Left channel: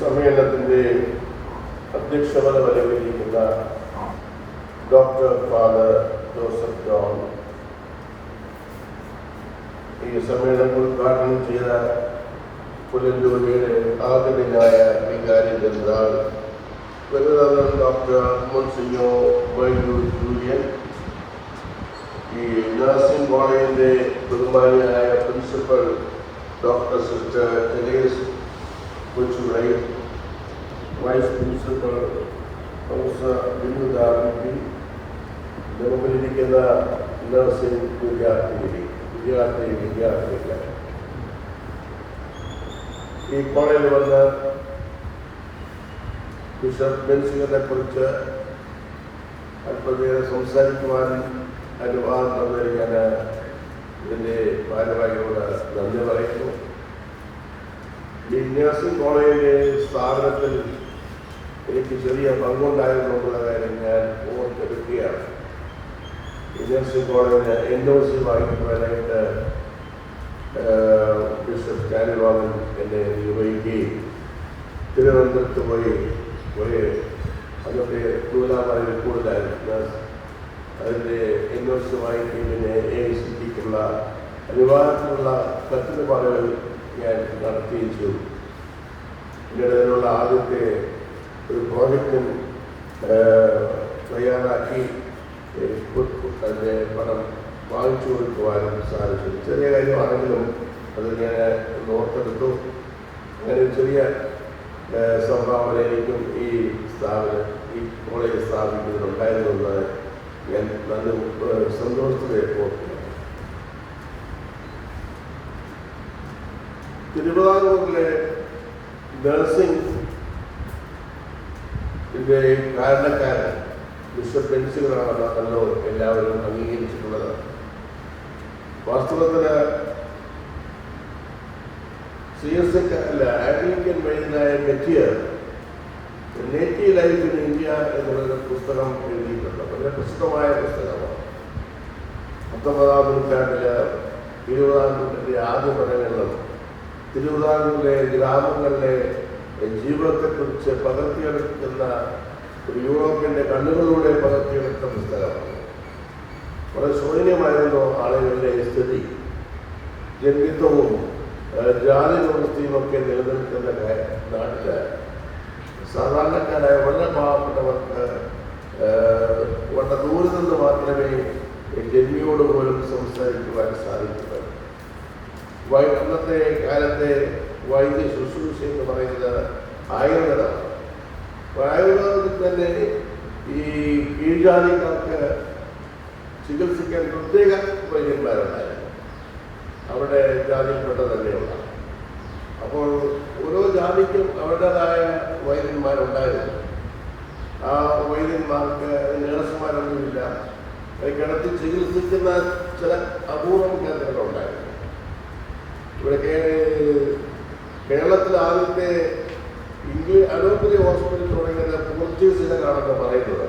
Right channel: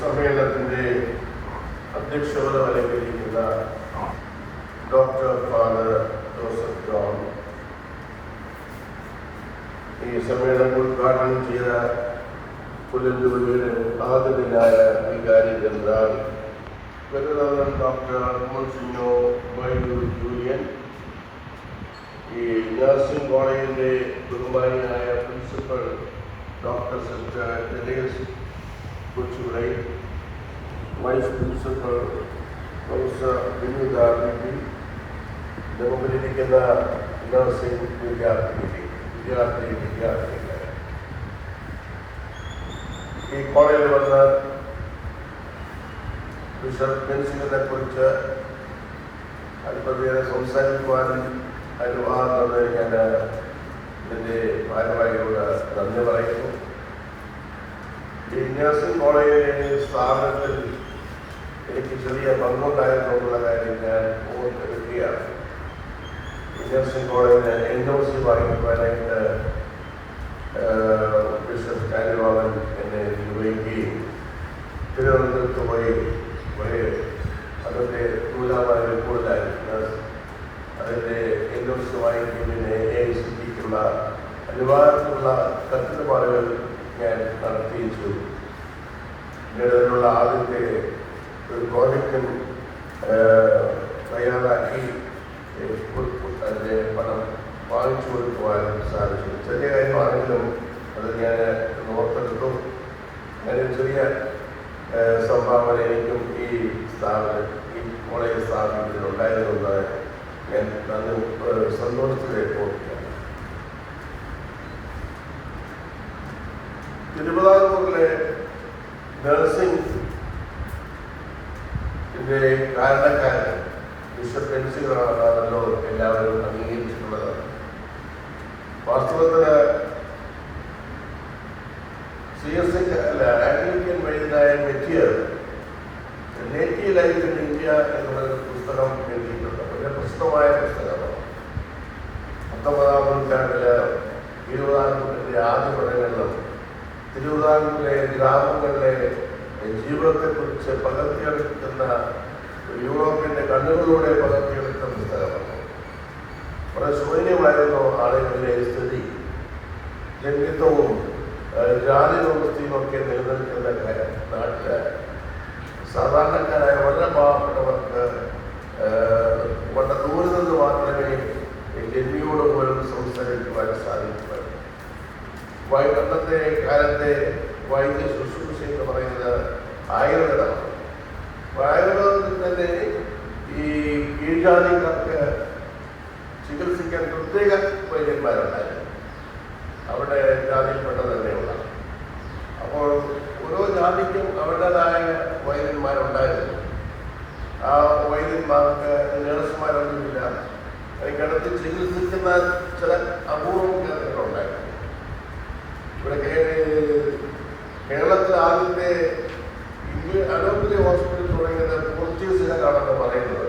സമ്മേളനത്തിൻ്റെ അധ്യക്ഷത വഹിക്കുന്ന ഡോക്ടർ ഫാദർ ജോസഫ് ജോൺ, ഈ സമ്മേളനം ഉദ്ഘാടനം ചെയ്ത പുനലൂരിയുടെ ആദരണീയനായ വികാരി general governor doctor monsignor Baiju Julian, ഈ നഴ്സിംഗ് കോളേജിൻ്റെ ബഹുമാനിയായ principal doctor sister Therese Kochurai, vice principal professor Binudabi, മുമ്പിലിരിക്കുന്ന നഴ്സിംഗ് വിദ്യാർത്ഥികളെ, ഈ കോളേജിൽ വന്ന് ബിഷപ്പ് ബെൻസിനെ കുറിച്ച് അല്പനേരം സംസാരിക്കുവാൻ അനുവാദം തന്നതിന് ഞാൻ ഇതിൻ്റെ ഭാരവാഹികളുടെ നന്ദി പറയുന്നു. ഈ നഴ്സിംഗ് കോളേജിലെ സ്ഥാപനത്തിൽ എനിക്ക് ചെറിയ പങ്കുണ്ടായതുകൊണ്ടുള്ള കാര്യം ഞാൻ ഓർത്തെടുക്കുകയാണ്. ഈ നഴ്സിംഗ് കോളേജിന് NOC വാങ്ങിക്കുവാനായിട്ട് ബിഷപ്പ് കാരിവാളൻ എന്നെ നിർവഹിക്കുകയും തിരുവനന്തപുരത്ത് പോയി അതിൻ്റെ കൂടുതലായിരുന്നു അതിൻ്റെ NOC വാങ്ങിക്കുന്നതിന് AICTക്കുള്ള അനുവാദത്തിനുള്ള തട്ടിപ്പാടുകൾ ഞാൻ നടത്തിയിച്ചു. ഇതിനുള്ള ആദ്യത്തെ ഒരു പ്രോജക്റ്റും തയ്യാറാക്കി അതിൻ്റെ പണം വാങ്ങിച്ചു കൊടുക്കുവാനും സാധിച്ചു. ചെറിയ കാര്യമാണെങ്കിലും അത് ഞാൻ ഓർത്തെടുത്തു. അങ്ങനെ ചെറിയ സംഭാവന എനിക്കും ഈ സ്ഥാപനം, ഈ കോളേജ് സ്ഥാപിക്കുന്നതിനുണ്ടായതെന്ന് ഞാൻ അത് സന്തോഷത്തിലേക്ക് ഓർക്കുന്നു. തിരുവിതാംകൂറിലെ നഴ്സിംഗ് കാരണക്കാരൻ ബിഷപ്പ് ബെൻസികളാണല്ലോ എല്ലാവരും അംഗീകരിച്ചിട്ടുള്ളത്. വാസ്തവത്തിന് CSK അല്ല, ആംഗ്ലിക്കൻ വൈദ്യനായ Mateer native life in India എന്നുള്ള പുസ്തകം എഴുതിയിട്ടുണ്ട്. വളരെ പ്രസിദ്ധമായ പുസ്തകമാണ്. 19-ാം നൂറ്റാണ്ടില് തിരുവിതാംകൂറിൻ്റെ ആദ്യ പഠനങ്ങളും തിരുവിതാംകൂറിലെ ഗ്രാമങ്ങളിലെ ജീവിതത്തെക്കുറിച്ച് പകർത്തിയെടുക്കുന്ന യൂറോപ്പിൻ്റെ കണ്ണുകളിലൂടെ പകർത്തിയെടുത്ത പുസ്തകമാണ്. വളരെ ശൂന്യമായിരുന്നു ആളുകളുടെ സ്ഥിതി, ജന്മിത്വവും ജാതി വ്യവസ്ഥയും ഒക്കെ നിലനിൽക്കുന്ന നാട്ടില് സാധാരണക്കാരായ വളരെ പാവപ്പെട്ടവർക്ക് വളരെ ദൂരെ നിന്ന് മാത്രമേ ജന്മിയോട് പോലും സംസാരിക്കുവാൻ സാധിക്കുള്ളൂ. അന്നത്തെ കാലത്തെ വൈദ്യ ശുശ്രൂഷ എന്ന് പറയുന്നത് ആയുർവേദമാണ്. ആയുർവേദത്തിൽ തന്നെ ഈ കീഴ്ജാതിക്കാർക്ക് ചികിത്സിക്കാൻ പ്രത്യേക വൈദ്യന്മാരുണ്ടായിരുന്നു. അവരുടെ ജാതിയിൽപ്പെട്ട തന്നെയുള്ള. അപ്പോൾ ഓരോ ജാതിക്കും അവരുടേതായ വൈദ്യന്മാരുണ്ടായിരുന്നു. ആ വൈദ്യന്മാർക്ക് നഴ്സുമാരൊന്നുമില്ല. കിടത്തി ചികിത്സിക്കുന്ന ചില അപൂർവം കേന്ദ്രങ്ങളുണ്ടായിരുന്നു. ഇവിടെ കേരളത്തിലെ ആദ്യത്തെ അലോപ്പതി ഹോസ്പിറ്റൽ തുടങ്ങിയത് പോർച്ചുഗീസുകാരാണെന്ന് പറയുന്നത്.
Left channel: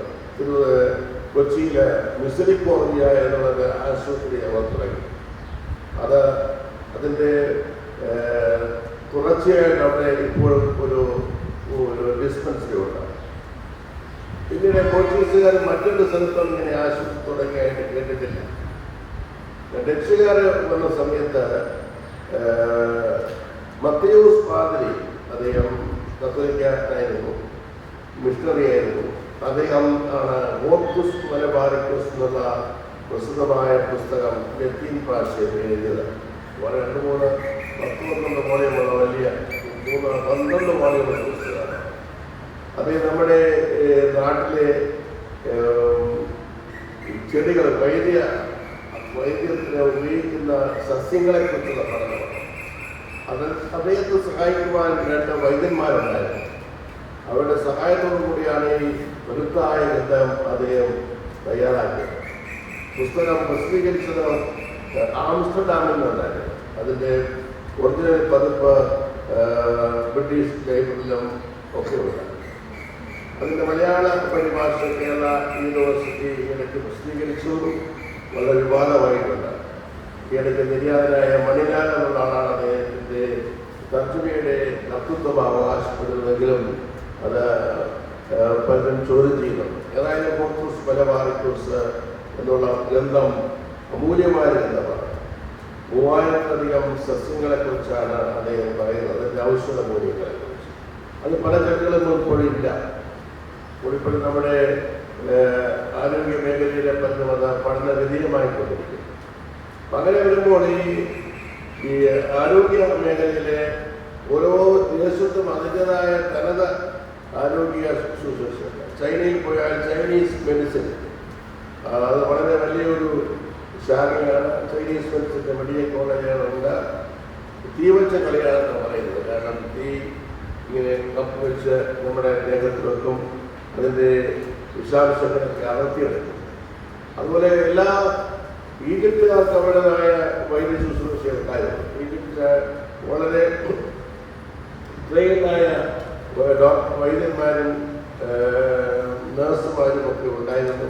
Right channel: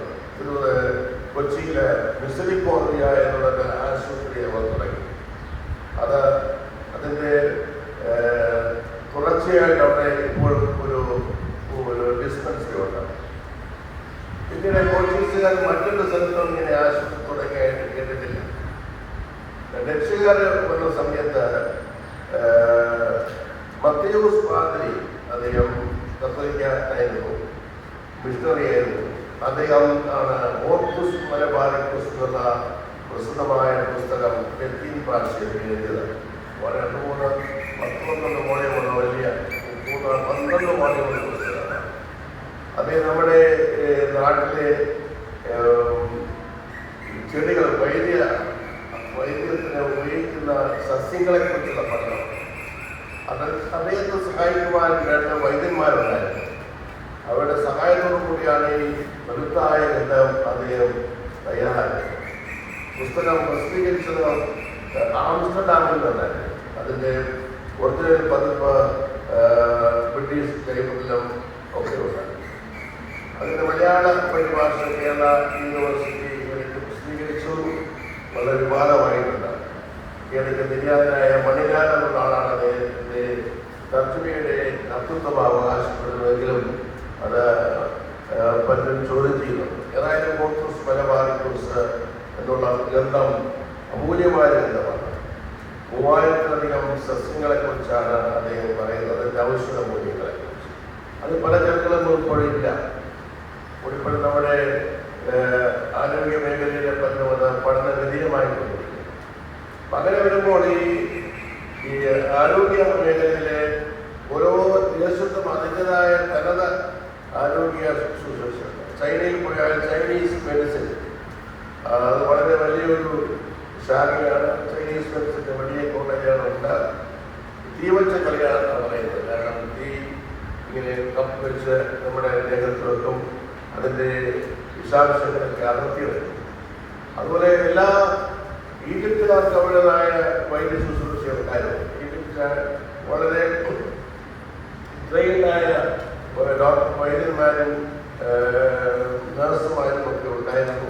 കൊച്ചിയിലെ മിസറിക്കോറിയ എന്നുള്ള ആശുപത്രി അവർ തുടങ്ങി. അതിൻ്റെ തുടർച്ചയായിട്ട് അവിടെ ഇപ്പോഴും ഒരു ഡിസ്പെൻസറി ഉണ്ട്. പിന്നീട് പോർച്ചുഗീസുകാർ മറ്റൊരു സ്ഥലത്തും ഇങ്ങനെ ആശുപത്രി തുടങ്ങിയായിട്ട് കേട്ടിട്ടില്ല. ഡച്ചുകാർ വന്ന സമയത്ത് മത്തയൂസ് പാദ്രി, അദ്ദേഹം കത്തോലിക്കനായിരുന്നു, മിഷണറി ആയിരുന്നു. അദ്ദേഹം ആണ് ഓർക്കുസ് മലബാറിക്കസ് എന്നുള്ള പ്രസിദ്ധമായ പുസ്തകം ലത്തീൻ ഭാഷയിൽ എഴുതിയത്. 2-3 10-12 മോളിയുള്ള വലിയ 12 മോളിയുള്ള പുസ്തകമാണ്. അത് നമ്മുടെ നാട്ടിലെ ചെടികൾ വൈദ്യത്തിന് ഉപയോഗിക്കുന്ന സസ്യങ്ങളെ കുറിച്ചുള്ള പഠനം. അദ്ദേഹത്തെ സഹായിക്കുവാൻ 2 വൈദ്യന്മാരുണ്ടായിരുന്നു. അവരുടെ സഹായത്തോടു കൂടിയാണ് ഈ വലുതായ ഗ്രന്ഥം അദ്ദേഹം തയ്യാറാക്കിയത്. പുസ്തകം പ്രസിദ്ധീകരിച്ചത് ആംസ്റ്റർഡാമിൽ നിന്നായിരുന്നു. അതിൻ്റെ ഒറിജിനൽ പതിപ്പ് ബ്രിട്ടീഷ് ലൈബ്രറിയിലും ഒക്കെ ഉണ്ട്. അതിൻ്റെ മലയാള പരിഭാഷ കേരള യൂണിവേഴ്സിറ്റി ഇടയ്ക്ക് പ്രസിദ്ധീകരിച്ചു. വളരെ വിവാദമായിട്ടുണ്ട്. ഇടയ്ക്ക് നിര്യാതനായ മണിലാൽ എന്നുള്ള ആളാണ് അദ്ദേഹത്തിൻ്റെ തർജ്ജമയുടെ കർത്തൃത്വം അവകാശപ്പെടുന്നുവെങ്കിലും അത് പലരും ചോദ്യം ചെയ്യുന്നുണ്ട്. ഏതായാലും പോർട്ടൂസ് മലബാറിക്കൂസ് എന്നുള്ള ഗ്രന്ഥം അമൂല്യമായ ഗ്രന്ഥമാണ്. 3000-ലധികം സസ്യങ്ങളെക്കുറിച്ചാണ് അദ്ദേഹം പറയുന്നത്, അതിൻ്റെ ഔഷധ മൂല്യങ്ങളെക്കുറിച്ച്. അത് പല ചർച്ചകളൊന്നും ഇപ്പോഴില്ല. ഇപ്പോഴും നമ്മുടെ ആരോഗ്യ മേഖലയിലെ പറഞ്ഞത് പഠനഗതിയുമായിക്കൊണ്ടിരിക്കും. അങ്ങനെ വരുമ്പോൾ ഈ ആരോഗ്യ മേഖലയിലെ ഓരോ ദേശത്തും അതിൻ്റെതായ തനത് ആരോഗ്യ ശുശ്രൂഷ. ചൈനയിൽ പോയാൽ ചൈനീസ് മെഡിസിൻ, അത് വളരെ വലിയൊരു ശാഖയാണ്. Chinese മെഡിസിൻ്റെ medical കോളേജുകളുണ്ട്. തീവച്ച കളിയാണെന്നാണ് പറയുന്നത്. കാരണം തീ ഇങ്ങനെ കപ്പ് വെച്ച് നമ്മുടെ ദേഹത്ത് വെക്കും, അതിൻ്റെ വിഷാംശങ്ങളൊക്കെ അടർത്തിയെടുക്കും. അതുപോലെ എല്ലാ ഈജിപ്തുകാർക്ക് അവരുടേതായ വൈദ്യ ശുശ്രൂഷയുണ്ടായിരുന്നു. ഈജിപ്തിന് വളരെ ട്രെയിൻഡായ വൈദ്യന്മാരും നഴ്സുമാരും ഒക്കെ ഉണ്ടായിരുന്നു.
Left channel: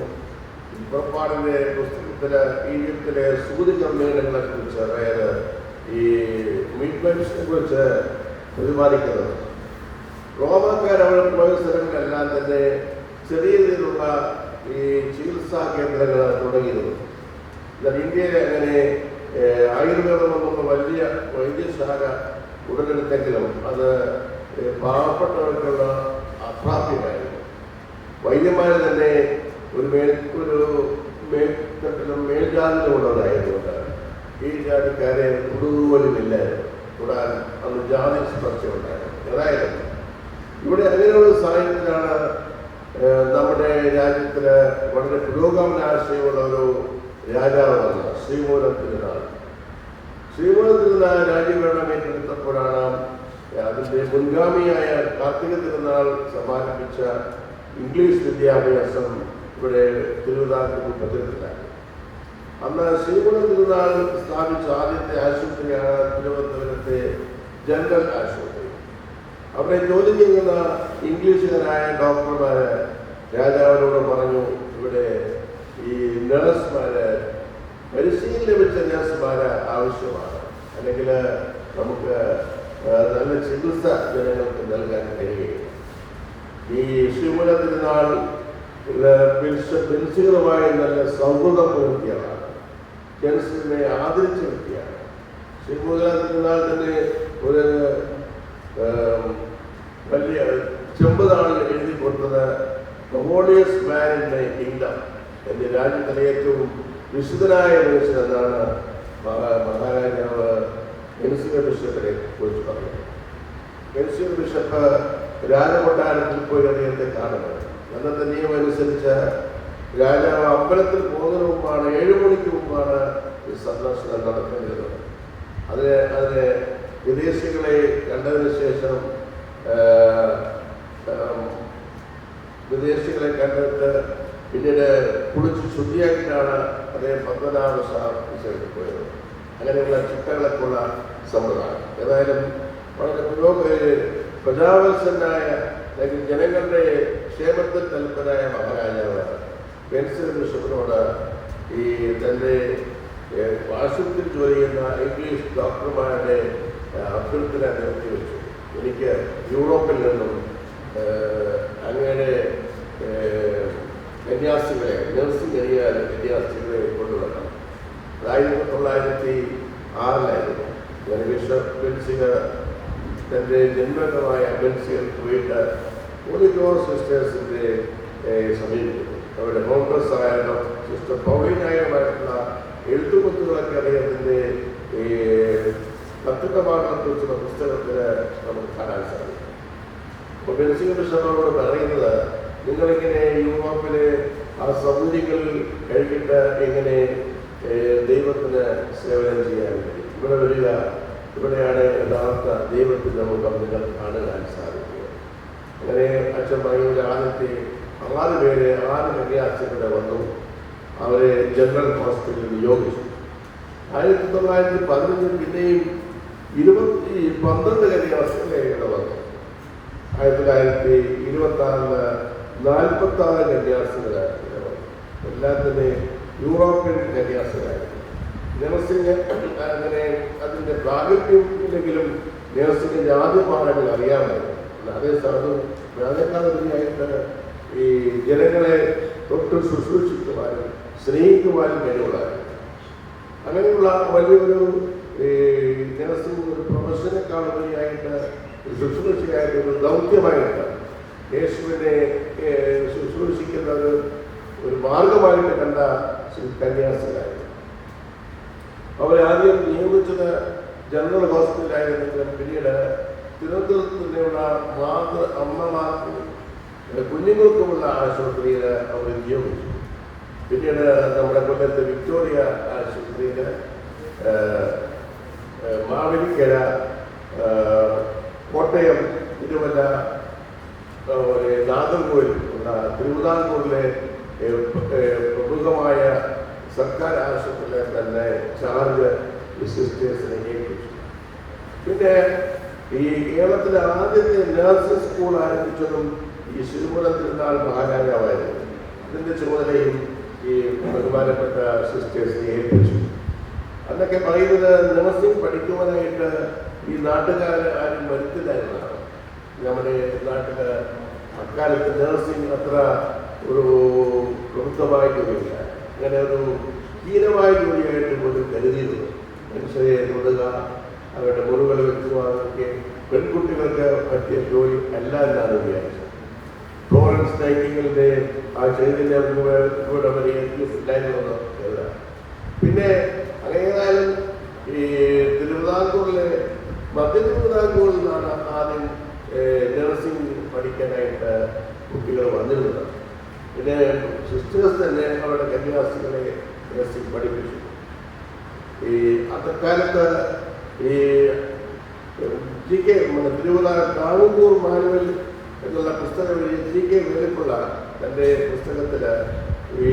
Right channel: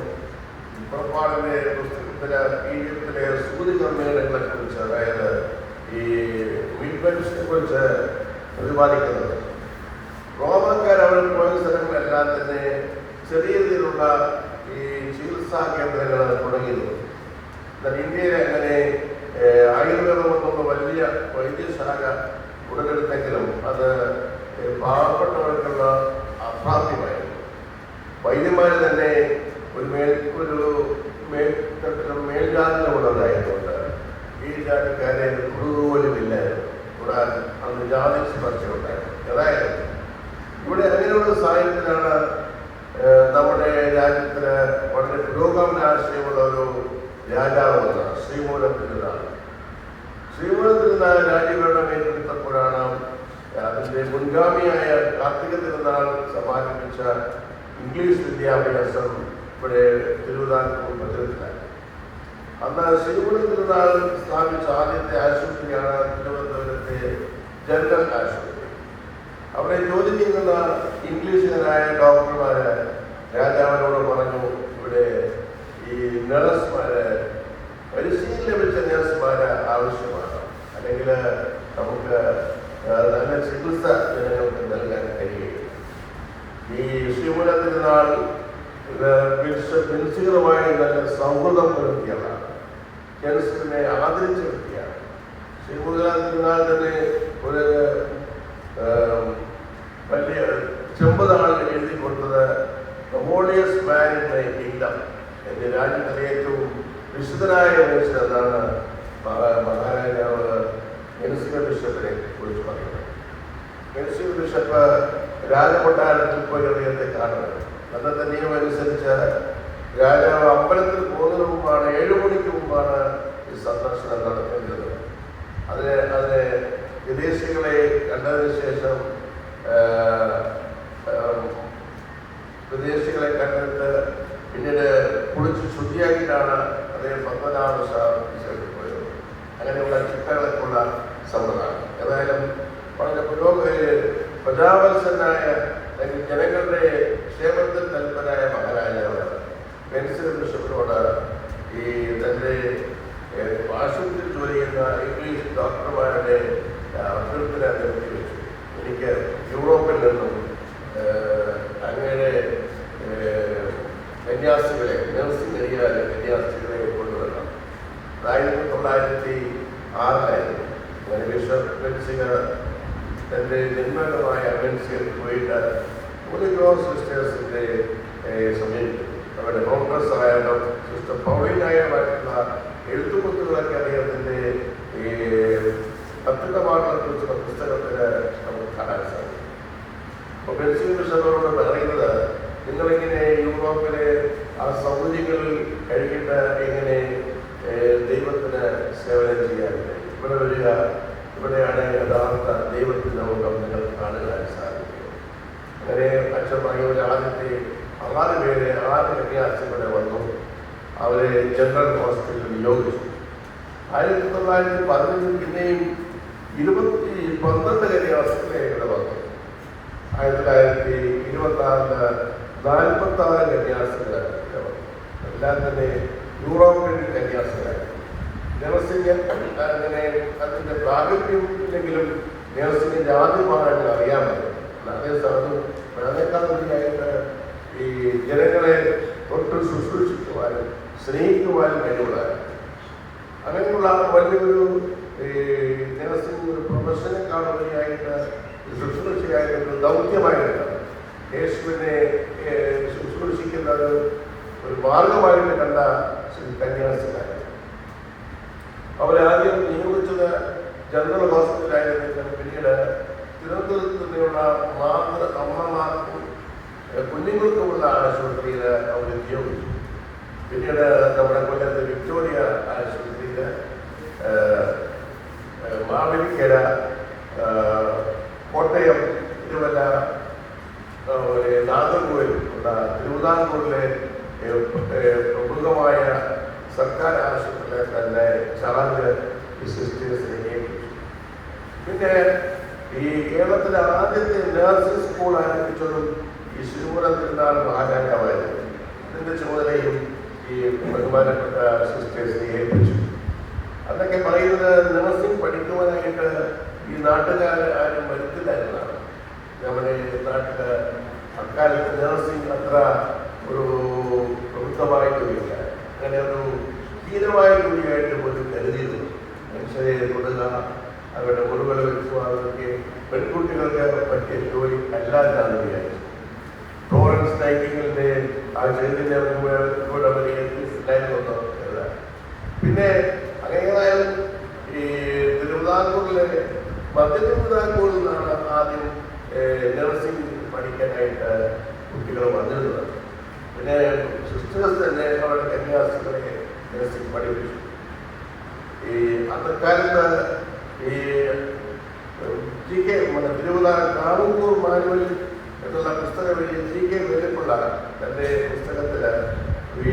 പുറപ്പാടിൻ്റെ പുസ്തകത്തിൽ ഈജിപ്തിലെ സൂര്യകർമ്മികളെ കുറിച്ച്, അതായത് ഈ മിഡ്വൈഫ്സിനെ കുറിച്ച് പ്രതിപാദിക്കുന്നത്. റോമക്കാർ അവർ പോയ സ്ഥലങ്ങളെല്ലാം തന്നെ ചെറിയ രീതിയിലുള്ള ഈ ചികിത്സാ കേന്ദ്രങ്ങൾ തുടങ്ങിയിരുന്നു. എന്നാൽ ഇന്ത്യയിലെ അങ്ങനെ ആയുർവേദം കൊണ്ടൊന്ന് വലിയ വൈദ്യശാല ഉടലെടുത്തെങ്കിലും അത് പാവപ്പെട്ടവർക്കുള്ള അപ്രാപ്യമായിരുന്നു. വൈദ്യന്മാർ തന്നെ ഒരു മേൽജാതിയിലുള്ളതായതുകൊണ്ട് ഈ ജാതിക്കാരെ പോലുമില്ലായിരുന്നു. കൂടാതെ അന്ന് ജാതി സ്പർശമുണ്ടായിരുന്നു. ഏതായാലും ഇവിടെ അങ്ങനെയുള്ള സാഹചര്യത്തിലാണ് നമ്മുടെ രാജ്യത്തിന് വളരെ പുരോഗമന ആശയമുള്ള ഒരു രാജാവാണ് ശ്രീമൂലം തിരുനാൾ. ശ്രീമൂലം തിരുനാൾ രാജ്യഭരണം ഏറ്റെടുത്തപ്പോഴാണ് അതിൻ്റെ മുൻഗാമിയായ കാർത്തിക തിരുനാൾ സമാരംഭിച്ച ഇംഗ്ലീഷ് വിദ്യാഭ്യാസം ഇവിടെ തിരുവിതാംകൂർ പ്രചരിച്ചിലാണ്. അന്ന് ശ്രീമൂലം തിരുനാൾ സ്ഥാപിച്ച ആദ്യത്തെ ആശുപത്രിയാണ് തിരുവനന്തപുരത്തെ ജനറൽ ആശുപത്രി. അവിടെ ജോലി ചെയ്യുന്ന ഇംഗ്ലീഷുകാരായ ഡോക്ടർമാര് രാജാവിനോട് പറഞ്ഞു, ഇവിടെ ഈ നഴ്സുമാര്, പരിശീലനം ലഭിച്ച നഴ്സുമാര് ആവശ്യമാണ്, അല്ലെങ്കിൽ നമുക്ക് നല്ല ചികിത്സ ജനങ്ങൾക്ക് നൽകാൻ കഴിയും. ഈ ശ്രീമൂലം തിരുനാൾ ബെൻസുകളുമായി നല്ല സൗഹൃദം പുലർത്തിയാണ്, ജനസിനെ ആദരിച്ച വ്യക്തിയാണ്. ശ്രീമൂലം തിരുനാൾ തന്നെ ഒരു വലിയ ചെമ്പതാണ് എഴുതി കൊടുത്തത്, holiest man in the kingdom, എൻ്റെ രാജ്യത്തിലെ ഏറ്റവും വിശുദ്ധനായ മനുഷ്യൻ എന്നാണ് മഹാരാജാവ് കെൻസിംഗ ബിഷപ്പിനെ കുറിച്ച് പറയുന്നത്. കെൻസിംഗ ബിഷപ്പ് രാജകൊട്ടാരത്തിൽ പോയി അദ്ദേഹത്തെ കാണുന്നത്. അന്നത്തെ നിയമം അനുസരിച്ച് രാജാവ് അമ്പലത്തിൽ പോകുന്നതിന് മുമ്പാണ്, 7 മണിക്ക് മുമ്പാണ് ഈ സന്ദർശനം നടത്തേണ്ടത്. അതിനെ വിദേശികളെ കണ്ടതിന് ശേഷം വിദേശികളെ കണ്ടിട്ട് പിന്നീട് കുളിച്ച് ശുദ്ധിയാക്കിയിട്ടാണ് അദ്ദേഹം പത്മനാഭസ്വാമിക്ക് പോയത്. അങ്ങനെയുള്ള ചിട്ടകളൊക്കെയുള്ള സമ്പ്രദായം. ഏതായാലും വളരെ പ്രജാവത്സനായ അല്ലെങ്കിൽ ജനങ്ങളുടെ ക്ഷേമത്തിൽ തൽപരനായ മഹാരാജാവ് കെൻസിംഗ് ബിഷപ്പിനോട് ഈ തൻ്റെ ആശുപത്രിയിൽ ജോലി ചെയ്യുന്ന ഇംഗ്ലീഷ് ഡോക്ടർമാരുടെ അഭ്യർത്ഥന നിർത്തി വെച്ചു. എനിക്ക് യൂറോപ്പിൽ നിന്നും അങ്ങനെ കന്യാസ്ത്രീകളെ, നഴ്സിംഗ് ഏരിയയിലെ കന്യാസ്ത്രീകളെ കൊണ്ടുവരണം. 1906 ബിഷപ്പ് ബെൻസിംഗ് തൻ്റെ ജന്മകരമായ ബെൻസിംഗ് പോയിട്ട് ഹോളി ക്രോസ് സിസ്റ്റേഴ്സിൻ്റെ സമീപിക്കുന്നു. അവരുടെ കോൺഗ്രസ് ആയാലും സിസ്റ്റർ പൗളിനായുള്ള എഴുത്തുകുത്തുകളൊക്കെ അദ്ദേഹത്തിൻ്റെ ഈ കത്തുകമാണെക്കുറിച്ചുള്ള പുസ്തകത്തിൽ നമുക്ക് കാണാൻ സാധിക്കും. അപ്പോൾ ബെൻസിംഗ് ബിഷപ്പോട് പറയുന്നത്, നിങ്ങളിങ്ങനെ യൂറോപ്പിലെ ആ സൗകര്യങ്ങളിൽ കഴിഞ്ഞിട്ട് എങ്ങനെ ദൈവത്തിന് സേവനം ചെയ്യാൻ കഴിയും? ഇവിടെ വരിക, ഇവിടെയാണ് യഥാർത്ഥ ദൈവത്തിൻ്റെ മുഖം നിങ്ങൾക്ക് കാണുവാൻ സാധിക്കുക. അങ്ങനെ അച്ഛൻ പറയുന്ന ആദ്യത്തെ 6 പേര് 6 കന്യാസ്ത്രീകളെ വന്നു. അവരെ ജനറൽ ഹോസ്പിറ്റലിൽ നിയോഗിച്ചു. 1915 പിന്നെയും 12 കന്യാസ്ത്രീകളെ ഇവിടെ വന്നു. 1926 46 കന്യാസ്ത്രീകളെ എല്ലാം തന്നെ യൂറോപ്യൻ കന്യാസ്ത്രീകളായി. നഴ്സിംഗ് അങ്ങനെ അതിൻ്റെ പ്രാഗൽഭ്യം ഇല്ലെങ്കിലും നേഴ്സിംഗ് ആദ്യം പാടാൻ അറിയാമല്ലോ. അതേസമയം അതിനേക്കാളുപരിയായിട്ട് ഈ ജനങ്ങളെ തൊട്ട് ശുശ്രൂഷിക്കുവാനും സ്നേഹിക്കുവാനും കഴിയുവാനും അങ്ങനെയുള്ള വലിയൊരു നേഴ്സിംഗ് ഒരു പ്രൊഫഷനെക്കാളുപരിയായിട്ട് ശുശ്രൂഷയായിട്ട് ദൗത്യമായിട്ട് യേശുവിനെ ശുശ്രൂഷിക്കുന്നത് ഒരു മാർഗമായിട്ട് കണ്ട കന്യാസികളായിരുന്നു. അവരാദ്യം നിയമിച്ചത് ജനറൽ ഹോസ്പിറ്റലായിരുന്നെങ്കിലും പിന്നീട് തിരുവനന്തപുരത്തുള്ള അമ്മമാർക്കും കുഞ്ഞുങ്ങൾക്കുമുള്ള ആശുപത്രിയിൽ അവർ നിയോഗിച്ചു. പിന്നീട് നമ്മുടെ കൊല്ലത്ത് വിക്ടോറിയ ആശുപത്രിയിൽ, മാവേലിക്കര, കോട്ടയം, തിരുവല്ല, നാഗർകോവിൽ, തിരുവിതാംകൂറിലെ പ്രമുഖമായ സർക്കാർ ആശുപത്രിയിലെ തന്നെ ചാർജ് സിസ്റ്റേഴ്സിനെ നിയമിച്ചു. പിന്നെ ഈ കേരളത്തിലെ ആദ്യത്തെ നഴ്സിംഗ് സ്കൂൾ ആരംഭിച്ചതും ഈ ശിശുപുരം തിരുനാൾ മഹാരാജാവായിരുന്നു. ഇതിൻ്റെ ചുമതലയും ഈ ബഹുമാനപ്പെട്ട സിസ്റ്റേഴ്സിനെ ഏൽപ്പിച്ചു. അന്നൊക്കെ പറയുന്നത് നഴ്സിംഗ് പഠിക്കുവാനായിട്ട് ഈ നാട്ടുകാർ ആരും വരുത്തില്ലായിരുന്നതാണ്. നമ്മുടെ നാട്ടിൽ അക്കാലത്ത് നഴ്സിംഗ് അത്ര ഒരു പ്രമുഖമായിട്ടുമില്ല. അങ്ങനെ ഒരു ഹീനമായ ജോലിയായിട്ട് പോലും കരുതിയിരുന്നു. മനുഷ്യരെ തൊടുക, അവരുടെ മുറികൾ വെച്ചു, അതൊക്കെ പെൺകുട്ടികൾക്ക് പറ്റിയ ജോലി അല്ല എന്നാണ് വിചാരിച്ചത്. ഫ്ലോറൻസ് നൈറ്റിംഗലിന്റെ ആ ചെയ്തിന്റെ കൂടെ അവരെ ഉണ്ടായിരുന്നോ അല്ല. പിന്നെ അങ്ങനെയായാലും ഈ തിരുവിതാംകൂറിലെ മധ്യ തിരുവിതാംകൂറിൽ നിന്നാണ് ആദ്യം നഴ്സിംഗ് പഠിക്കാനായിട്ട് കുട്ടികൾ വന്നിരുന്നത്. പിന്നെ സിസ്റ്റേഴ്സ് തന്നെ അവരുടെ കന്യാസികളെ നഴ്സിംഗ് പഠിപ്പിച്ചു. ഈ അക്കാലത്ത് ഈ GK കാവൂർ മാനുവൽ എന്നുള്ള പുസ്തകം GK വേലിക്കുള്ള തൻ്റെ പുസ്തകത്തിൽ ഈ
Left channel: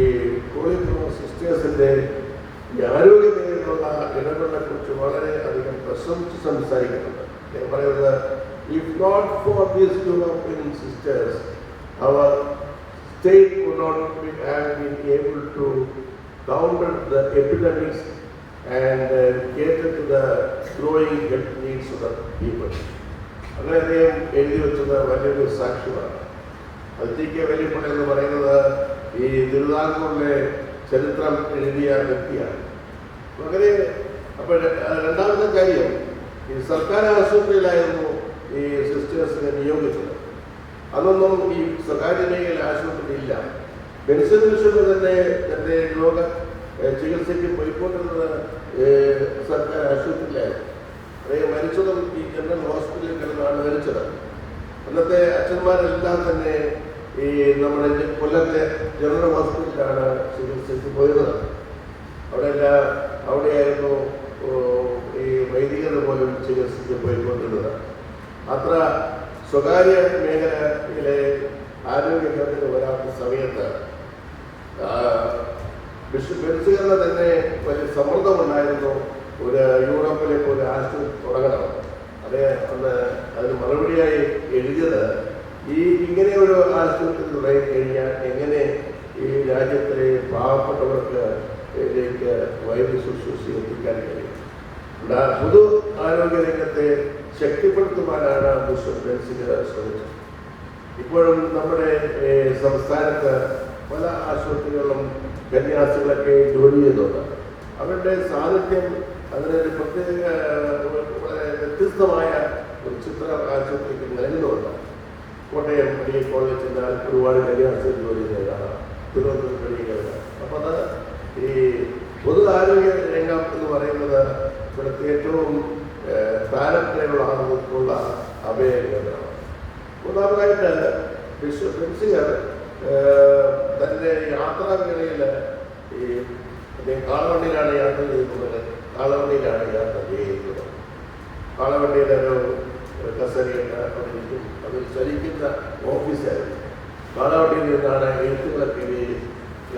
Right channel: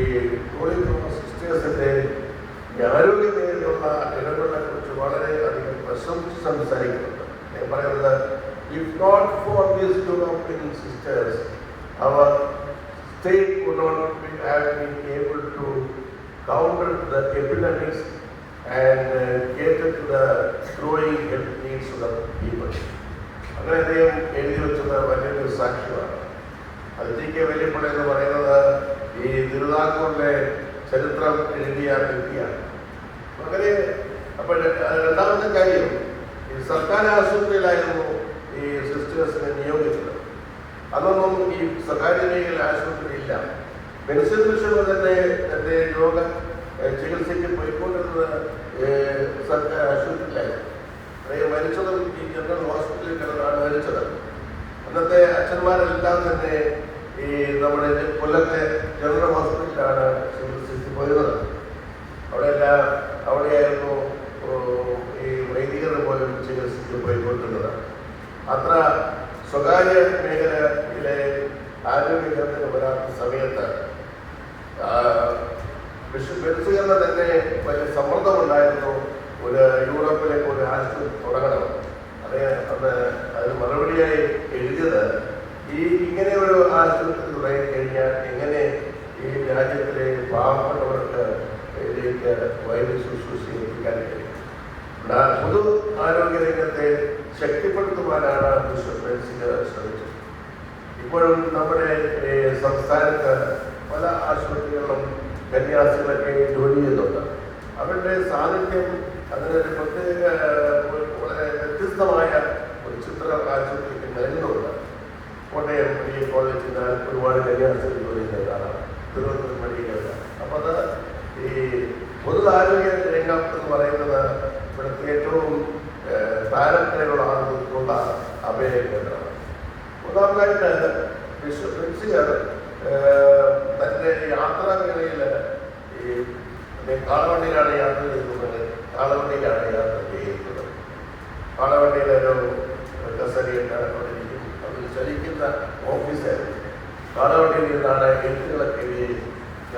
കോഴിക്കോട് സിസ്റ്റേഴ്സിൻ്റെ ആരോഗ്യനിലയിലുള്ള ഇടപെടലിനെ കുറിച്ച് വളരെയധികം പ്രശംസിച്ച് സംസാരിക്കുന്നുണ്ട്. ഞാൻ പറയുന്നത്, if not for these European sisters, our state would not have been able to counter the epidemics and cater to the growing health needs of the people. അങ്ങനെ അദ്ദേഹം എഴുതി വെച്ചത് വലിയൊരു സാക്ഷ്യമാണ്. അതിലേക്ക് വലിയപ്പോൾ എന്ന് പറയുന്നത് ഈ തിരുവിതാംകൂറിലെ ചരിത്രം എഴുതിയ വ്യക്തിയാണ്. അങ്ങനെ അപ്പോൾ രണ്ടാമത്തെ കാര്യം, ഈ സർക്കാർ ആശുപത്രിയിലായിരുന്നു ഈ സിസ്റ്റേഴ്സിനെ നിയോഗിച്ചത്. അതൊന്നും ഈ സ്വകാര്യ മേഖല ആശുപത്രി ഇല്ല. മെഡിസിൻ മിഷന് തന്നെ എൻ്റെ രോഗ ചികിത്സയ്ക്ക് പോയിക്കൊണ്ടിരുന്നത് സർക്കാർ ആശുപത്രിയിലായിരുന്നു. അദ്ദേഹം മരിച്ചതും ഈ ജനറൽ ഹോസ്പിറ്റലിൽ കിടന്നാണ് മരിച്ചത്. അന്നത്തെ അച്ഛന്മാരെല്ലാം തന്നെ ഈ നമ്മുടെ കൊല്ലത്തെ ജനറൽ ഹോസ്പിറ്റലാണ് ചികിത്സയ്ക്ക് പോയിരുന്നത്. അവിടെയായിരുന്നു ഈ വൈദികർ പോലും ചികിത്സയ്ക്ക് പോയിക്കൊണ്ടിരുന്നത്. അത്ര സ്വകാര്യ മേഖലയിലെ ആരോഗ്യത്തിന് വരാത്ത സമയത്ത് ബെൻസുകാരുടെ തന്നെ വലിയ സമ്മർദ്ദമുണ്ടായിരുന്നു. ഒരു യൂറോപ്പിലേക്ക് ഒരു ആശുപത്രി തുടങ്ങണം. അന്ന് അതിന് മറുപടിയായി എഴുതിയത്, ഇങ്ങനെ ഒരു ആശുപത്രി തുടങ്ങിക്കഴിഞ്ഞാൽ എങ്ങനെ ഈ രാജ്യത്തിലെ പാവപ്പെട്ടവർക്ക് ഇതിലേക്ക് വൈദ്യ ശുശ്രൂഷ എത്തിക്കാൻ കഴിയും. പൊതു ആരോഗ്യ രംഗത്തെ ശക്തിപ്പെടുത്തുവാനാണ് ബിഷപ്പ് ബെൻസിന് ശ്രമിച്ചത്. ഇപ്പോഴും നമ്മുടെ സംസ്ഥാനത്ത് പല ആശുപത്രികളിലും കന്യാസികളൊക്കെ ജോലി ചെയ്യുന്നുണ്ട്. അവരുടെ സാന്നിധ്യം അതിനൊരു പ്രത്യേക വളരെ വ്യത്യസ്തമായ ഒരു ചിത്രം ആശുപത്രിക്ക് നൽകുന്നുണ്ട്. കോട്ടയം മെഡിക്കൽ കോളേജിൽ ഒരുപാട് കന്യാസികൾ ജോലി ചെയ്യുന്നതാണ്, തിരുവനന്തപുരം മെഡിക്കൽ. അപ്പോൾ അത് ഈ പൊതു ആരോഗ്യ രംഗം എന്ന് പറയുന്നത് ഇവിടുത്തെ ഏറ്റവും താരത്തിലുള്ള ആളുകൾക്കുള്ള അഭയകേന്ദ്രമാണ്. മൂന്നാമതായിട്ട് ബിഷപ്പ് ബെൻസിഗർ തൻ്റെ യാത്രാവേളയിൽ ഈ കാളവണ്ടിയിലാണ് യാത്ര ചെയ്യുന്നത്. കാളവണ്ടിയിലൊരു കസേരയിട്ടിരിക്കും. അതിൽ ചലിക്കുന്ന ഓഫീസായിരുന്നു. കാളവണ്ടിയിൽ നിന്നാണ് എഴുത്തുകളൊക്കെ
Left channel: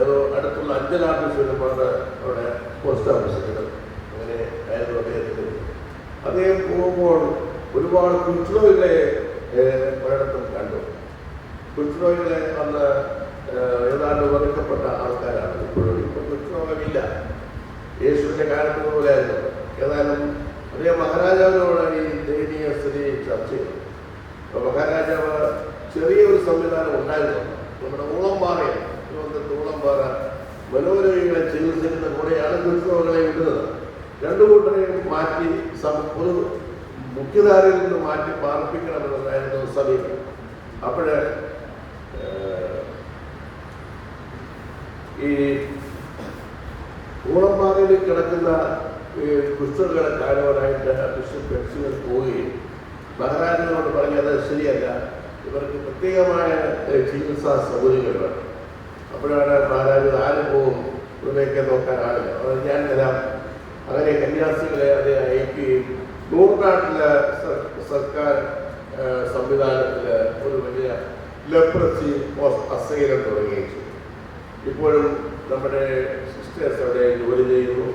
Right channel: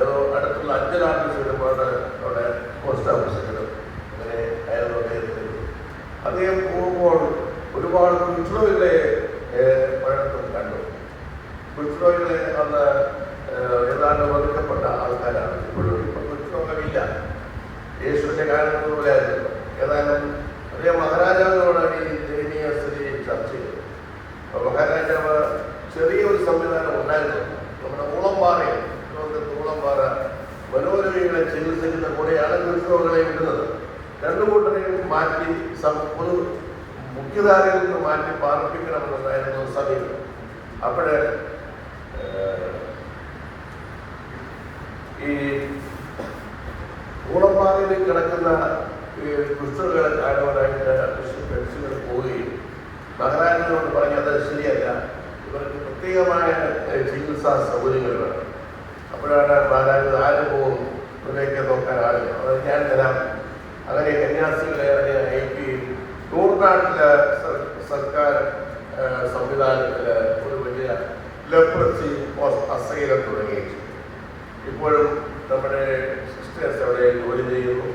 ഏതോ അടുത്തുള്ള അഞ്ചൽ ഓഫീസ് വരുമ്പോൾ അവിടെ പോസ്റ്റ് ഓഫീസുകൾ അങ്ങനെ ആയിരുന്നു അദ്ദേഹത്തിന്. അദ്ദേഹം പോകുമ്പോൾ ഒരുപാട് കുച്ച്ലോയിലെ കണ്ടു. കുച്ച്ലോയിലെ അന്ന് ഏതാണ്ട് വെറുക്കപ്പെട്ട ആൾക്കാരാണ്. ഇപ്പോഴും കുച്ച്ലോകമില്ല. യേശുവിൻ്റെ കാലത്ത് പോലെയായിരുന്നു. ഏതായാലും അതേ മഹാരാജാവിനോട് ഈ ദയനീയ മുഖ്യധാരയിൽ നിന്ന് മാറ്റി പാർപ്പിക്കണമെന്നായിരുന്നു സമീപനം. അപ്പോഴേ ഈ ഊളന്മാരിൽ കിടക്കുന്ന പുസ്തകങ്ങളെ കാണുവാനായിട്ട് ബിഷപ്പ് പോവുകയും മഹാരാജനോട് പറഞ്ഞത് ശരിയല്ല, ഇവർക്ക് പ്രത്യേകമായ ചികിത്സാ സൗകര്യങ്ങൾ. അപ്പോഴാണ് മഹാരാജ് ആരും പോവും, ഇവരെയൊക്കെ നോക്കാൻ ആളില്ല, അത് ഞാൻ വരാം. അങ്ങനെ കന്യാസികളെ അതിനെ അയക്കുകയും നൂറിനാട്ടിലെ സർക്കാർ സംവിധാനത്തിൽ ഒരു വലിയ ലെപ്രസി അസൈലം തുടങ്ങുകയും ചെയ്തു. ഇപ്പോഴും നമ്മുടെ സിസ്റ്റേഴ്സ് അവിടെ ജോലി ചെയ്യുന്നു.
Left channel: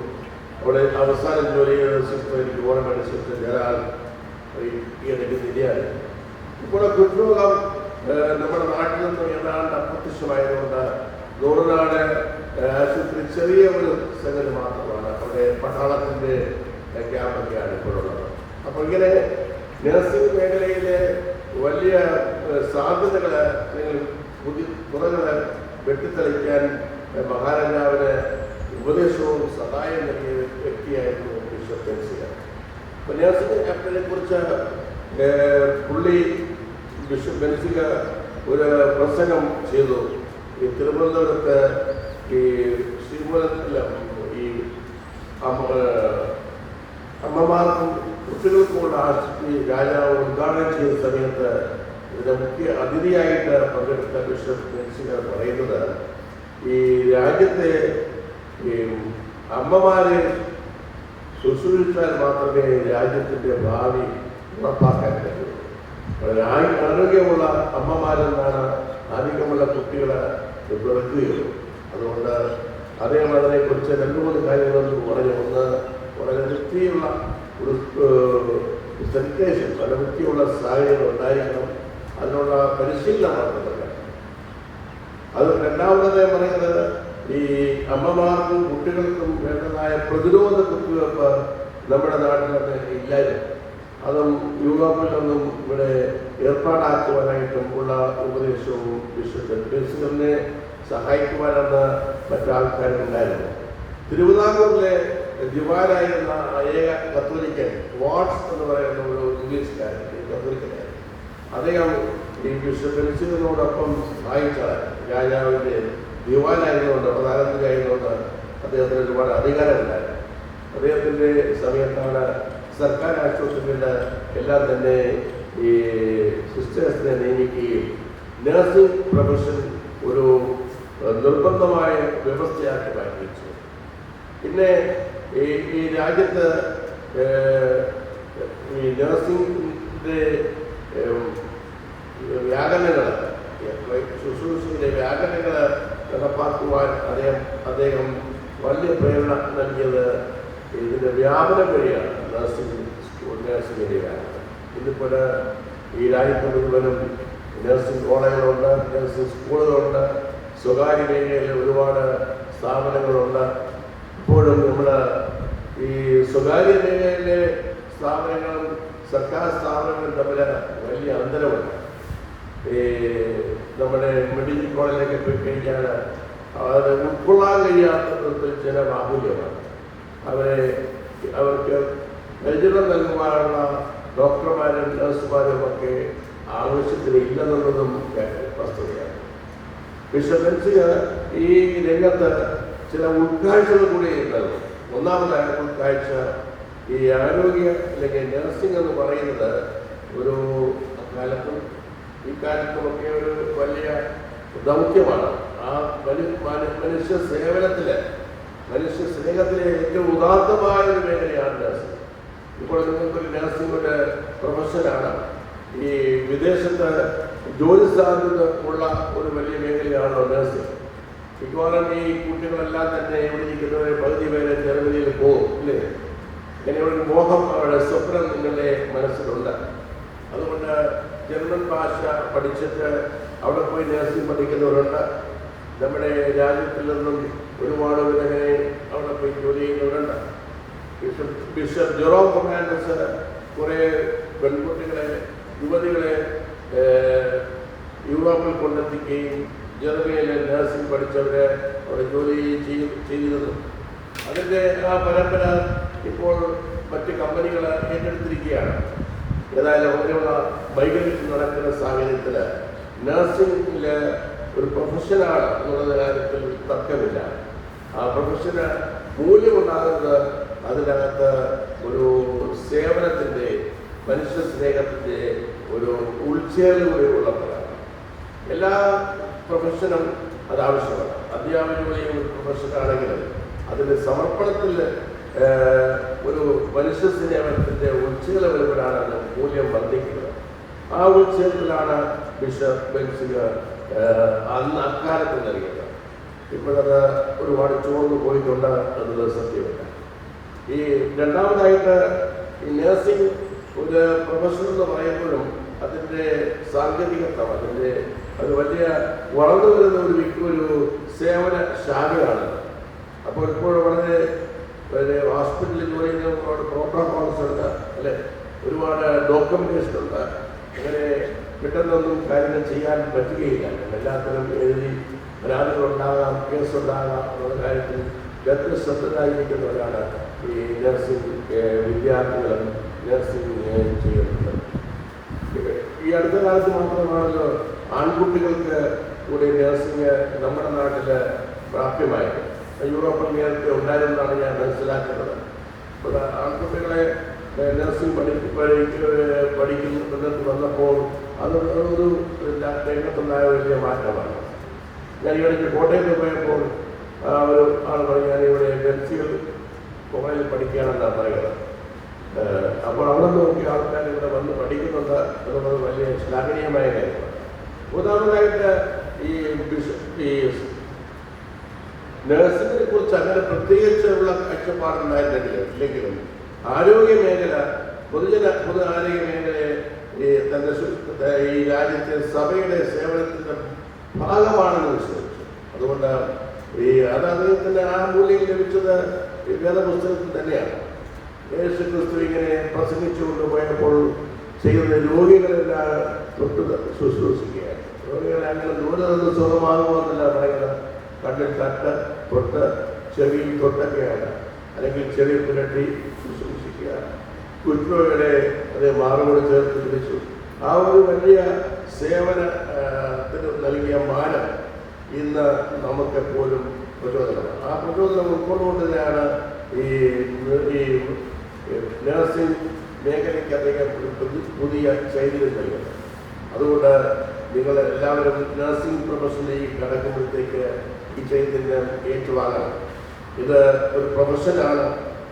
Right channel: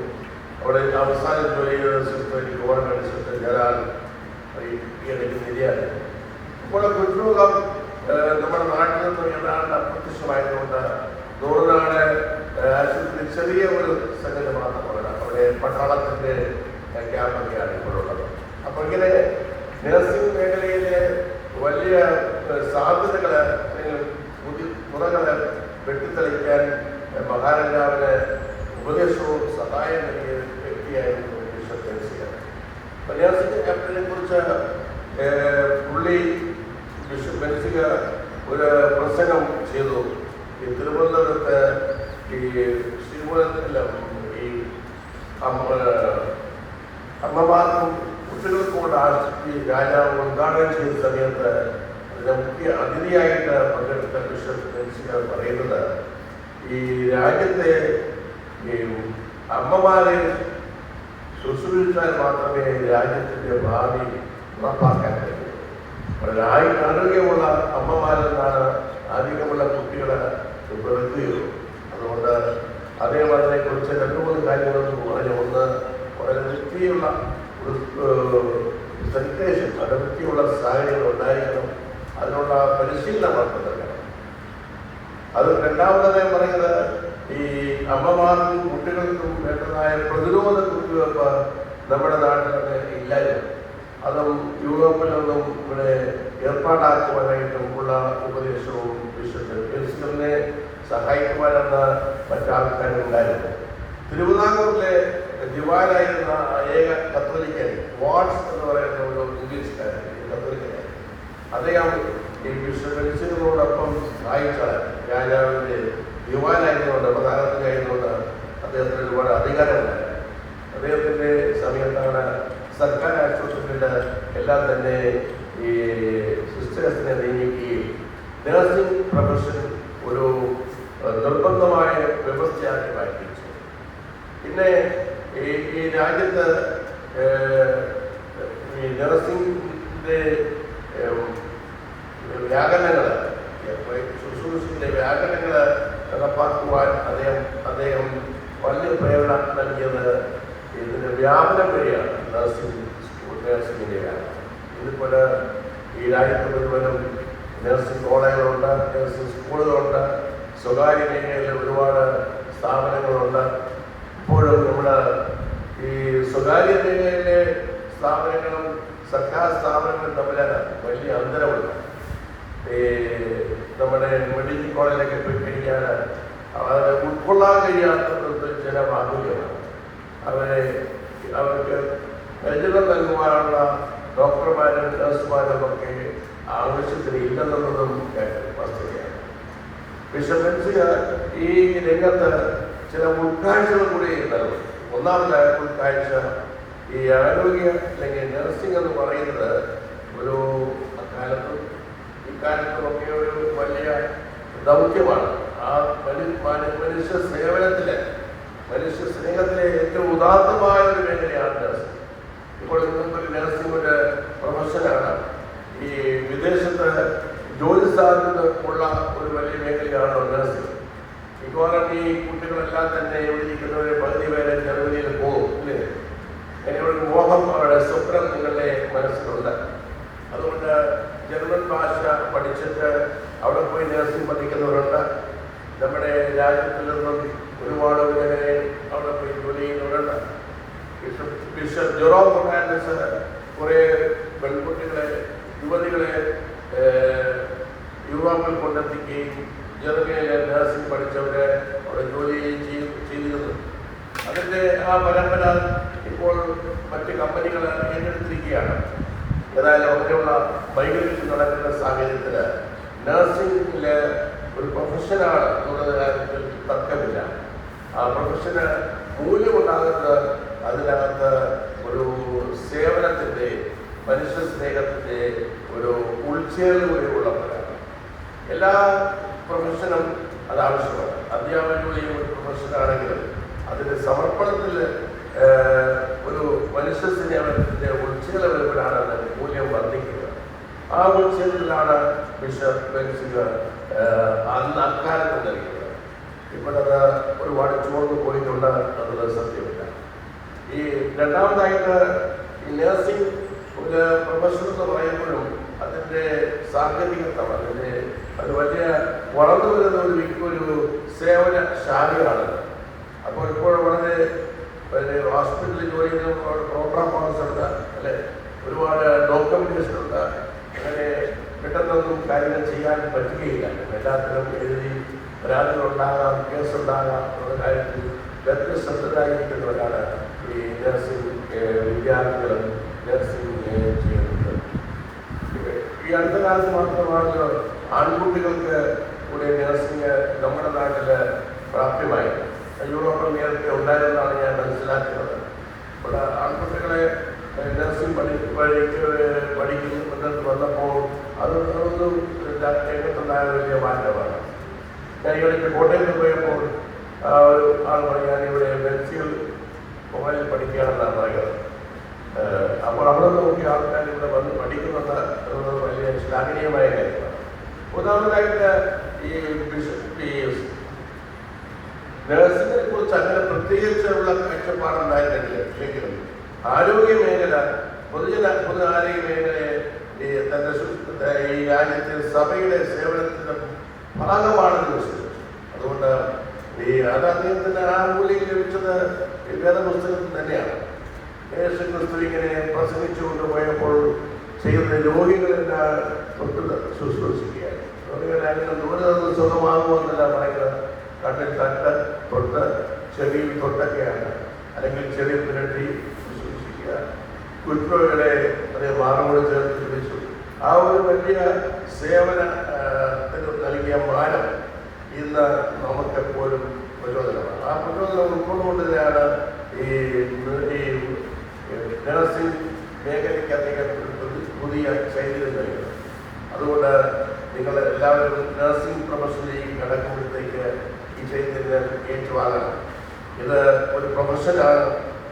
അവിടെ അവസാനം ജോലി ചെയ്യുന്ന സിസ്റ്റർ ഗവൺമെൻറ് സിസ്റ്റർ ജലാൽ എനിക്ക് ശരിയാണ്. ഇപ്പോൾ ഹൃദ്രോഗം നമ്മുടെ നാട്ടിൽ നിന്ന് ഏതാണ്ട് അപ്രത്യക്ഷമായതുകൊണ്ട് നൂറിനാട് ആശുപത്രി ചെറിയ ഒരു സംഗതി മാത്രമാണ്. അവിടെ പട്ടാളത്തിൻ്റെ ക്യാമ്പൊക്കെയാണ് ഇപ്പോഴുള്ളത്. അപ്പോൾ ഇങ്ങനെ നഴ്സിംഗ് മേഖലയിലെ വലിയ സാധ്യതകൾ അല്ലെങ്കിൽ പുറകൾ വെട്ടിത്തെളിക്കാൻ മഹാരാജാവിന് ഉപദേശവും സഹായം നൽകിയ വ്യക്തിയായിരുന്നു ബിഷപ്പ് ബെൻസിയ. നഴ്സിംഗ് ക്യാപ്റ്റനെ കുറിച്ച് പുള്ളി ബിഷപ്പ് ബെൻസിയ ഒരു പ്രസംഗം ചെയ്തു. ഈ തിരുവനന്തപുരത്ത് ഈ ഈ അമ്മമാർക്കും കുട്ടികൾക്കും ഈ രാജാവ് ഉദ്ഘാടനം ചെയ്ത സമയത്ത് ഇതിന്റെ മുഖ്യ അതിഥിയായിട്ട് പങ്കെടുത്ത ബിഷപ്പ് ബെൻസിയ പറയുന്നത്, ഈ രാജ്യത്തെ ഈ അമ്മമാരെ ശുശ്രൂഷിച്ചാൽ മാത്രമേ രാജ്യത്തിൻ്റെ ഭാവി ഉറപ്പാക്കാൻ കഴിയൂ. ആരോഗ്യമുള്ള അമ്മമാരെന്നാണ് ആരോഗ്യമുള്ള കുട്ടികളെ കൊടുക്കുകയുള്ളൂ. അതുകൊണ്ട് അദ്ദേഹം അതിനെക്കുറിച്ച് 2-3 കാര്യങ്ങളൊന്നും പറഞ്ഞു. ഒന്ന്, വളരെ വൃത്തിയുള്ള സാനിറ്റേഷൻ, വളരെ വൃത്തിയുള്ള സാഹചര്യങ്ങൾ ഉണ്ടായിരിക്കണം, അതിനുള്ള പരിശീലനമാണ് നൽകണം. അത് രണ്ടാമത് പറയുന്നത്, ഈ അമ്മമാർക്കും കുട്ടികൾക്കും വേണ്ടതായ പ്രതിരോധ കുത്തിവയ്പ്പ് നമ്മുടെ നാട്ടിലൊക്കെ ഇല്ലായിരുന്നു. അതും യൂറോപ്പിൽ നിന്നും ഇവിടെ ഏർപ്പാടാക്കുവാനായിട്ടും ഉള്ള ഉപദേശവും ബിഷപ്പ് ബെൻസിലിനെ സഹായിക്കുവാനെന്ന മറ്റാൾക്കാരുണ്ടായിരുന്നു. തിരുവിതാംകൂറിലെ ദിവാനായിരുന്ന ഏക കത്തോലിക്കൻ വാട്സ് എന്ന് പറയുന്ന ഒരു ഇംഗ്ലീഷുകാരൻ, കത്തോലിക്കനായിരുന്നു. അദ്ദേഹം ഈ ബിഷപ്പ് ബെൻസിലിനോടൊപ്പം സഹായിച്ച രാജാവിൻ്റെ ദിവാനായിരുന്നുകൊണ്ട്, പ്രധാനമന്ത്രിയായിരുന്നുകൊണ്ട് അദ്ദേഹത്തിന് ഒരുപാട് അധികാരമുണ്ടായിരുന്നു. അദ്ദേഹത്തിൻ്റെ സമയത്താണ് സർക്കാർ ആശുപത്രികളിൽ എല്ലാം തന്നെ ഈ സിസ്റ്റേഴ്സിനെ നിയമിക്കുകയും നഴ്സിംഗ് പ്രൊഫഷൻ ഒരു നിർബന്ധമായ വ്യവസ്ഥയാക്കി മാറ്റിച്ചു. പിന്നെ ഈ രാജ്യത്ത് ഈ നഴ്സിംഗിൻ്റെ വ്യാകരണങ്ങൾ, ശുശ്രൂഷയുടെ വ്യാകരണങ്ങൾ നടപ്പാക്കുവാൻ അദ്ദേഹം വലിയ പ്രേരണ നൽകിയത് ഇതിൻ്റെ വ്യാപനം വഴിയാണ്. നഴ്സിംഗിൻ്റെയാണ്. ഇതിപ്പോൾ ഈ രാജ്യത്ത് മുഴുവനും നഴ്സിംഗ് കോളേജുകളുണ്ട്, നഴ്സിംഗ് സ്കൂളുകളുണ്ട്, സ്വകാര്യ മേഖലയിൽ ഒരുപാട് സ്ഥാപനങ്ങളുണ്ട്. ഇപ്പോഴും നമ്മൾ ഈ സ്വകാര്യ മേഖലയിലെ സ്ഥാപനങ്ങളും സർക്കാർ സ്ഥാപനങ്ങളും തമ്മിൽ വലിയ അന്തരമുണ്ട്. ഈ നമ്മുടെ മെഡിക്കൽ കോളേജിലൊക്കെ പോയി കഴിഞ്ഞാൽ അത് ഉൾക്കൊള്ളാൻ കഴിയാത്ത ചില ബാഹുല്യമാണ്. അവർക്ക് പരിചരണം നൽകുവാനുള്ള ഡോക്ടർമാരും നഴ്സുമാരും ഒക്കെ ആവശ്യത്തിന് ഇല്ലെന്നുള്ളതും വസ്തുതയാണ്. ബിഷപ്പ് ബെൻസിയ ഈ രംഗത്ത് ചില ഉൾക്കാഴ്ചകൾ കൂടി നൽകി. ഒന്നാമതായ ഉൾക്കാഴ്ച, ഈ ആരോഗ്യ അല്ലെങ്കിൽ നഴ്സിംഗ് എന്ന് പറയുന്നത് ഒരു അക്കാലത്തും ഇക്കാലത്തുമൊക്കെ ഒരു വലിയ ദൗത്യമാണ്. ആ മനുഷ്യ സേവനത്തിലെ, മനുഷ്യ സ്നേഹത്തിലെ ഏറ്റവും ഉദാത്തമായ ഒരു മേഖലയാണ് നഴ്സിംഗ്. ഇപ്പോൾ നിങ്ങൾക്കൊരു നഴ്സിംഗ് പ്രൊഫഷനാണ്. ഈ വിദേശത്ത് ജോലി സാധ്യത ഉള്ള ഒരു വലിയ മേഖലയാണ് നഴ്സിംഗ്. മിക്കവാറും ഈ കുട്ടികളെല്ലാം തന്നെ എഴുതിയിരിക്കുന്നവരെ പകുതി പേരെ ജർമ്മനിയിൽ പോകും, ഇല്ലേ? ഒരു മോഹം, അവരുടെ സ്വപ്നം നിങ്ങളുടെ മനസ്സിലുണ്ട്. അതുകൊണ്ട് ജർമ്മൻ ഭാഷ പഠിച്ചിട്ട് അവിടെ പോയി നഴ്സിംഗ് പഠിക്കുന്നവരുണ്ട്. നമ്മുടെ രാജ്യത്തിൽ നിന്നും ഒരുപാട് പേരെ അവിടെ പോയി ജോലി ചെയ്യുന്നവരുണ്ട്. ബിഷപ്പ് ജെറോം ഫെർണാണ്ടസ് കുറേ പെൺകുട്ടികളെ, യുവതികളെ യൂറോപ്പിൽ കൊണ്ടെത്തിക്കുകയും ജർമ്മനിയിലെ നഴ്സിംഗ് പഠിച്ചവരെ അവിടെ ജോലി ചെയ്തിരുന്നു. അതിൻ്റെ ആ പരമ്പര ഇപ്പോൾ മറ്റ് കമ്പനികൾ ഏറ്റെടുത്തിരിക്കുകയാണ്. ഏതായാലും ഒരു മൈഗ്രേഷൻ നടക്കുന്ന സാഹചര്യത്തിൽ നഴ്സിംഗിൽ ഒരു പ്രൊഫഷനാണ് എന്നുള്ള കാര്യത്തിൽ തർക്കമില്ല. ആ പ്രൊഫഷന് മൂല്യമുണ്ടാകുന്നത് അതിനകത്ത് ഒരു സേവനത്തിൻ്റെ, മനുഷ്യ സ്നേഹത്തിൻ്റെ ഒരു ഉൾച്ചേർന്നുള്ളവരാണ്. എല്ലാ പ്രൊഫഷനും അത് ആവശ്യമാണ്. അധ്യാപകരുടെയും ഒരു പ്രൊഫഷനാണെങ്കിലും അതിൻ്റെ സമർപ്പണത്തിൽ ഒരു മനുഷ്യ സ്നേഹത്തിൻ്റെ ഉൾച്ചേർന്നവരാണ് അതിൻ്റെ മൂല്യം വർദ്ധിക്കുന്നത്. ആ ഉൾച്ചേർന്നിലാണ് ബിഷപ്പ് ബെൻസിഗർ അന്ന് അക്കാലത്ത് നൽകിയത്. ഇപ്പോഴത് ഒരുപാട് ചോർന്ന് പോയിട്ടുണ്ട് എന്നത് സത്യമില്ല. ഈ രണ്ടാമതായിട്ട് ഈ നഴ്സിംഗ് ഒരു പ്രൊഫഷൻ എന്ന് പറയുമ്പോഴും അതിൻ്റെ സാങ്കേതികത, അത് വലിയ വളർന്നു വരുന്ന ഒരു സേവന ശാഖയാണ്. അപ്പോൾ ഇപ്പോൾ വളരെ ഹോസ്പിറ്റലിൽ ജോലി ചെയ്യുന്ന പ്രോട്ടോകോൾസ് ഉണ്ട്, അല്ലെ, ഒരുപാട് ഡോക്യുമെന്റേഷൻ ഉണ്ട്. അങ്ങനെ പെട്ടെന്നൊന്നും കാര്യങ്ങൾ ചെയ്യാൻ പറ്റുകയില്ല. എല്ലാത്തിനും എഴുതി പരാതികളുണ്ടാകാം, കേസുണ്ടാകാം എന്നുള്ള കാര്യത്തിൽ വ്യത്യസ്തരായിരിക്കുന്നവരാണ് ഈ നഴ്സിംഗ് വിദ്യാർത്ഥികളും നഴ്സിംഗ് ചെയ്യുന്നത്. ഈ അടുത്ത കാലത്ത് മാത്രമാണല്ലോ ആൺകുട്ടികൾക്ക് കൂടി നഴ്സിംഗ് നമ്മുടെ നാട്ടിൽ പ്രാപ്യമായത്. യൂറോപ്പിൽ നേരത്തെ ഉണ്ടായിരുന്നാണ് ഞാൻ മനസ്സിലാക്കുന്നത്. ഇവിടെ ആൺകുട്ടികളെ നഴ്സിംഗ് പഠിക്കുന്നത് വന്നപ്പോൾ അതൊരു രംഗത്തുണ്ടായ വലിയ മാറ്റമാണ്. ഞാൻ ഈ ഇടയ്ക്ക് കോട്ടയത്ത് പോയപ്പോൾ ഒരു ആൾ പറഞ്ഞു, ഞാനിവിടെ ബെൻസിഗർ കോളേജിൽ പഠിക്കുകയാണെന്നാണ് പറയുന്നത്. അപ്പോൾ അവിടെ നോക്കി ആൾക്കാർ ഇവിടെ വന്ന് പഠിക്കുന്നത് എന്നത് വലിയ ശ്ലാഘനീയമായ കാര്യമാണ്. മൂന്നാമതായിട്ട് ഈ നഴ്സിങ്ങിനെ കുറിച്ച് അങ്ങനെ പ്രത്യേകിച്ചുള്ള കാഴ്ചപ്പാടുണ്ടായിട്ടില്ലെങ്കിലും ആരോഗ്യ മേഖല, പൊതു ആരോഗ്യ മേഖലയെ ഈ രാജ്യത്തെ സഭയുടെ സേവനത്തിൻ്റെ ഭാഗമാണെന്ന് വിശ്വസിച്ചു. അതുകൊണ്ട് അത് അദ്ദേഹത്തിൻ്റെ ആ മൂല്യം ലഭിച്ചത് വേദപുസ്തകത്തിൽ തന്നെയാണ്. യേശുക്രിസ്തു ഇങ്ങനെ പ്രസംഗിച്ചുകൊണ്ട് പോയപ്പോൾ ചെയ്യുന്ന രോഗികളെല്ലാം തൊട്ട് ശുശ്രൂഷിക്കുകയാണ്. രോഗികളെ അങ്ങനെ ദൂരെ നിന്ന് സുഖമാകുമെന്നല്ല പറയുന്നത്. കണ്ണിൽ തട്ട് തൊട്ട് ചെവിയിൽ തൊട്ടൊക്കെയാണ്, അല്ലെങ്കിൽ ചെവി പുരട്ടി ശുശ്രൂഷിക്കുക. കുറ്റങ്ങളെ അതേ മാറുകൊണ്ട് ചേർത്ത് പിടിച്ചു. ആ ഒരു വലിയ സേവനത്തിന് നൽകിയ മാനം ഇന്ന് നമുക്കെപ്പോഴും പ്രചോദനമാണ്. ആ പ്രചോദനം ഉൾക്കൊണ്ടുകൊണ്ട് തന്നെയാണ് ഈ നഴ്സിംഗ് മേഖലയ്ക്ക് അദ്ദേഹം പുതിയ ചൈതന്യം നൽകുന്നത്. അതുകൊണ്ട് നിങ്ങൾ എല്ലാവരും നഴ്സിംഗ് പ്രൊഫഷനിലേക്ക് കടക്കുമ്പോഴത്തേക്ക് ഈ ചൈതന്യം ഏറ്റുവാങ്ങണം. ഇത് ഒരു പ്രൊഫഷനാണ്,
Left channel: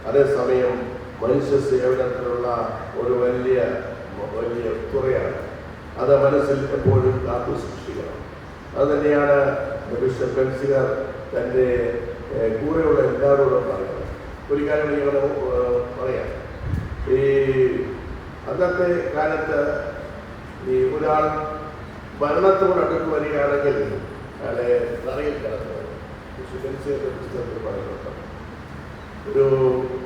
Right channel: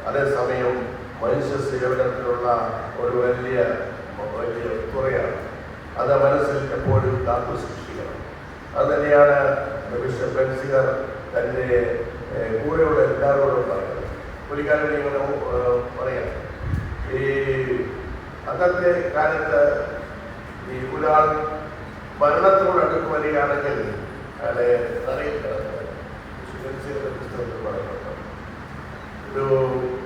അതേസമയം മനുഷ്യ സേവനത്തിനുള്ള ഒരു വലിയ തുറയാണ്. അത് മനസ്സിൽ എപ്പോഴും കാത്തു സൂക്ഷിക്കണം. അത് തന്നെയാണ് ബിഷപ്പ് ബെൻസിഗർ തൻ്റെ കൂടെയുള്ള എല്ലാവരോടും പറയുന്നത്. ഒരു കാര്യം നിങ്ങൾ പറയാം, ഈ അന്നത്തെ കാലത്ത് ഈ ഒരാൾ മരണത്തോട് അടുത്ത് വരികയാണെങ്കിൽ അയാളെ തറയിൽ കിടന്നത്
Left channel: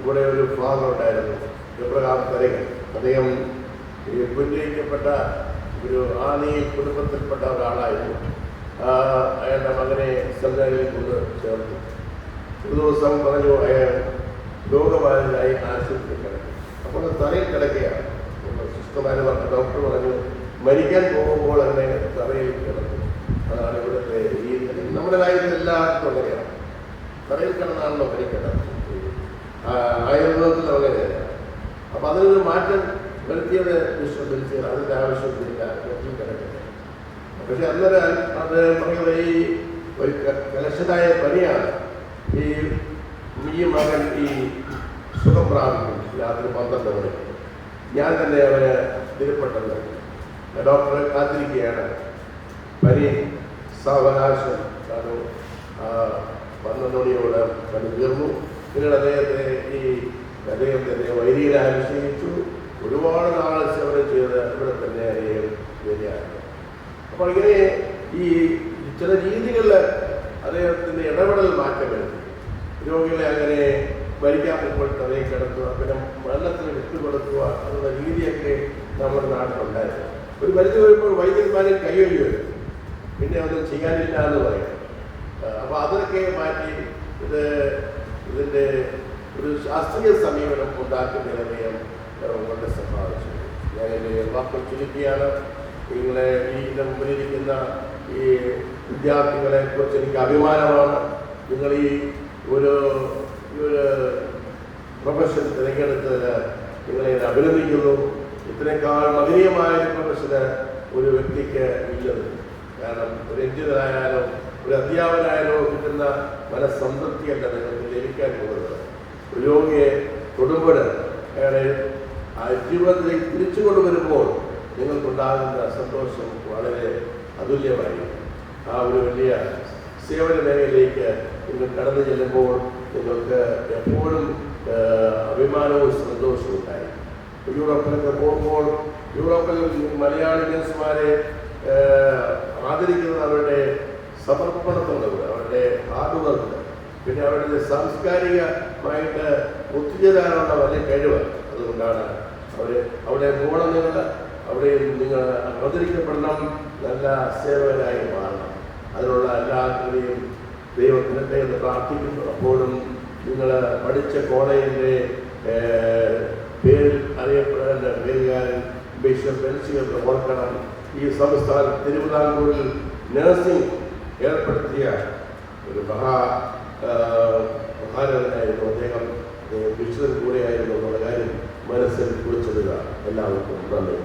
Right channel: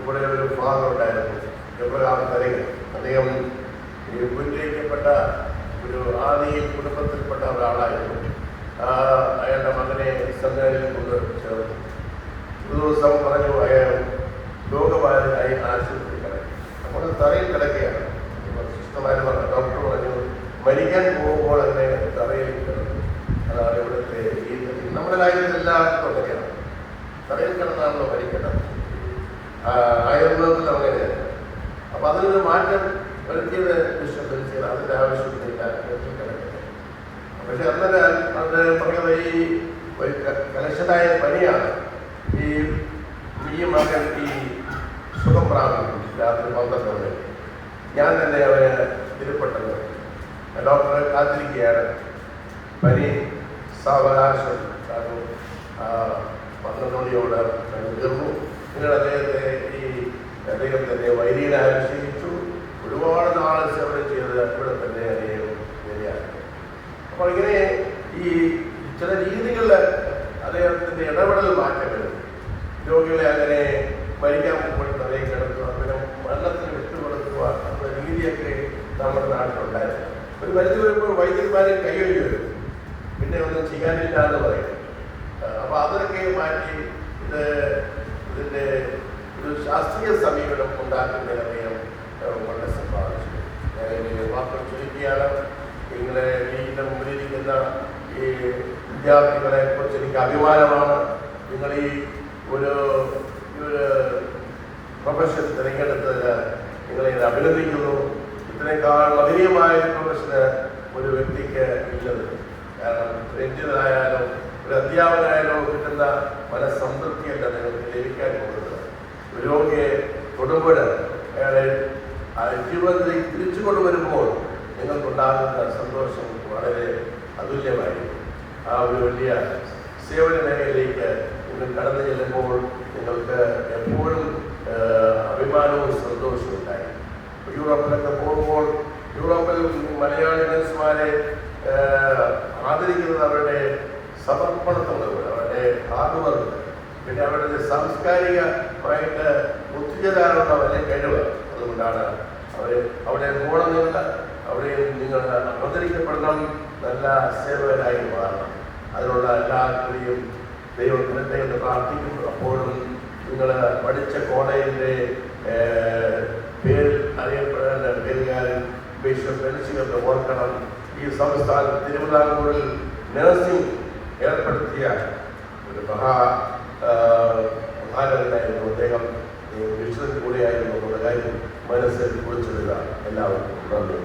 ഇവിടെ ഒരു ഫാദർ ഉണ്ടായിരുന്നു, എബ്രഹാം തരകൻ. അദ്ദേഹം ഈ ഉന്നയിക്കപ്പെട്ട ഒരു ആദിയിൽ കുടുംബത്തിൽപ്പെട്ട ഒരാളായിരുന്നു. അയാളുടെ മകനെ സെമിനാരിൽ കൊണ്ട് ചേർത്തു. ഒരു ദിവസം പറഞ്ഞു അയാൾ രോഗബാധിതരായി ആശുപത്രി കിടക്കും. അപ്പോൾ തറയിൽ കിടക്കുകയാണ്. സിസ്റ്റർമാർ പറഞ്ഞ ഡോക്ടർ പറഞ്ഞു മരിക്കാൻ പോകുമ്പോൾ തന്നെ തറയിൽ കിടക്കും. അതാണ് ഇവിടുത്തെ ഈ നമ്മുടെ രാജ്യത്ത് എല്ലാവർക്കും അങ്ങനെയാണ്, തറയിൽ കിടന്നാണല്ലോ മരിക്കേണ്ടത്. ആയുർവേദത്തിൽ അങ്ങനെയാണ്. അപ്പം അതിനൊരു മാറ്റം വരുത്തിയത് ബിഷപ്പ് ബെൻസിഗർ. അതിൻ്റെ ആവശ്യമില്ല, കിടക്കുന്നത്. പക്ഷെ അന്നേരം അത് പറയുന്നത് ഈ ഒരു കലശനായ പനിയാണ്. ഈ മകൻ ഈ സുഖം പ്രാപിക്കും രാത്രി 12 മണിക്ക്. ഞാൻ തന്നെ അവന് തിരുപ്പെട്ടത് ഡോക്ടറെ കാത്തിരിക്കുകയാണ്. പനി സാവകാശം 12 മണിയോട് തീർന്നു. പിന്നീട് അദ്ദേഹത്തിൻ്റെ വൈദികനെ അനുഷ്ഠിച്ചു. ഒരുപാട് നാൾ സേവനം ചെയ്ത് ഇവിടെ തന്നെ വരികയാണ്. അപ്പോൾ ഇങ്ങനെ ഈ ചില രീതികളിൽ അദ്ദേഹത്തിൻ്റെ ഇടപെടൽ മാറ്റം വരും. രോഗികളെ അങ്ങനെ മരിക്കാൻ പോകുമ്പോൾ തലയിൽ കിടക്കുക, അങ്ങനെ മരണത്തിൽ വിട്ടുകൊടുക്കുക എന്ന രീതിയൊക്കെ നമ്മുടെ നാട്ടിലുണ്ടായിരുന്നു. ഒരു പരിധി വരുമ്പോൾ വൈദ്യന്മാരെ കൈവഴി വരും, പിന്നെ ഒന്നും ചെയ്യാനില്ല എന്ന് പറയും. അപ്പോൾ അതൊക്കെ മാറ്റി ഇതിൻ്റെ ഒരു ശാസ്ത്രീയ സമീപനം ഉണ്ടാക്കുന്നതിന് വളരെ സമ്പാദിച്ചു. ഞാൻ വാക്കുകൾ ചുരുക്കിയാണ്. നിങ്ങളെ ഇതിൻ്റെ മുമ്പിലിരിക്കുന്ന ഈ വിദ്യാർത്ഥികളെ കുറിച്ച് എനിക്ക് അഭിമാനമാണ്. നിങ്ങൾ ഈ ഒരു പ്രൊഫഷൻ തിരഞ്ഞെടുത്തതിന് നിങ്ങളെ അഭിനന്ദിക്കുന്നു. ഇത്രയേക്കാൾ മഹനീയമായ പ്രൊഫഷന് ഒരു വ്യക്തിക്ക് ഇല്ലത്. കാരണം ഒരു എഞ്ചിനീയറായാലോ ഒരു അധ്യാപകനായാലോ കിട്ടുന്ന മനസ്സംതൃപ്തിയല്ല നിങ്ങൾക്ക് ലഭിക്കാൻ പോകുന്നത്. ഒരു രോഗിയെ തൊടുമ്പോൾ അയാളെ ജീവിതത്തിലേക്ക് തിരിച്ചു കൊണ്ടുവരുമ്പോൾ നിങ്ങൾക്കുണ്ടാകുന്ന സന്തോഷം വളരെ അതുല്യമായി. ആ ഒരു വലിയ സേവന മേഖലയിലേക്ക് നിങ്ങൾ കടന്നു ചെല്ലുമ്പോൾ നിങ്ങൾക്ക് എപ്പോഴും അഭിമാനവും സന്തോഷവും ഉണ്ടായി. യൂറോപ്പിലൊക്കെ പോകുമ്പോൾ യൂറോപ്പിൽ മലയാളി നഴ്സുമാരെ ആദരിക്കുന്നത് അവരുടെ സമർപ്പണത്തുള്ളത്, അവരുടെ ഹാർഡ് വർക്ക്, പിന്നെ അവരുടെ സാംസ്കാരികമായിട്ട് ഒത്തുചേരാനുള്ള വലിയ കഴിവ്. അതുകൊണ്ടാണ് അവിടെ ഗുണമില്ല, അവിടെ നിങ്ങൾ അവതരിക്കപ്പെടണം, നല്ല സേവകരായി മാറണം. അതിനുള്ള എല്ലാവരെയും ദൈവത്തിൻ്റെ എന്ന് പ്രാർത്ഥിക്കുന്നു. അപ്പോഴും നിങ്ങൾ പഠിച്ച കോളേജിൻ്റെ പേരിൽ അറിയപ്പെടേണ്ട പേരുകാരൻ ബിഷപ്പ് ബെൻസിയൊക്കെ ഓർക്കണം. ഈ സംസ്ഥാനം തിരുവിതാംകൂറിൽ നഴ്സിംഗ് ഏർപ്പെടുത്തിയ ഒരു പ്രധാനമായിരുന്നു. അദ്ദേഹം ബിഷപ്പിൽ കൂടെയായിരുന്നു എന്നുള്ള കാര്യം മനസ്സിൽ കുറിച്ചിടുക. എല്ലാവർക്കും നന്ദി.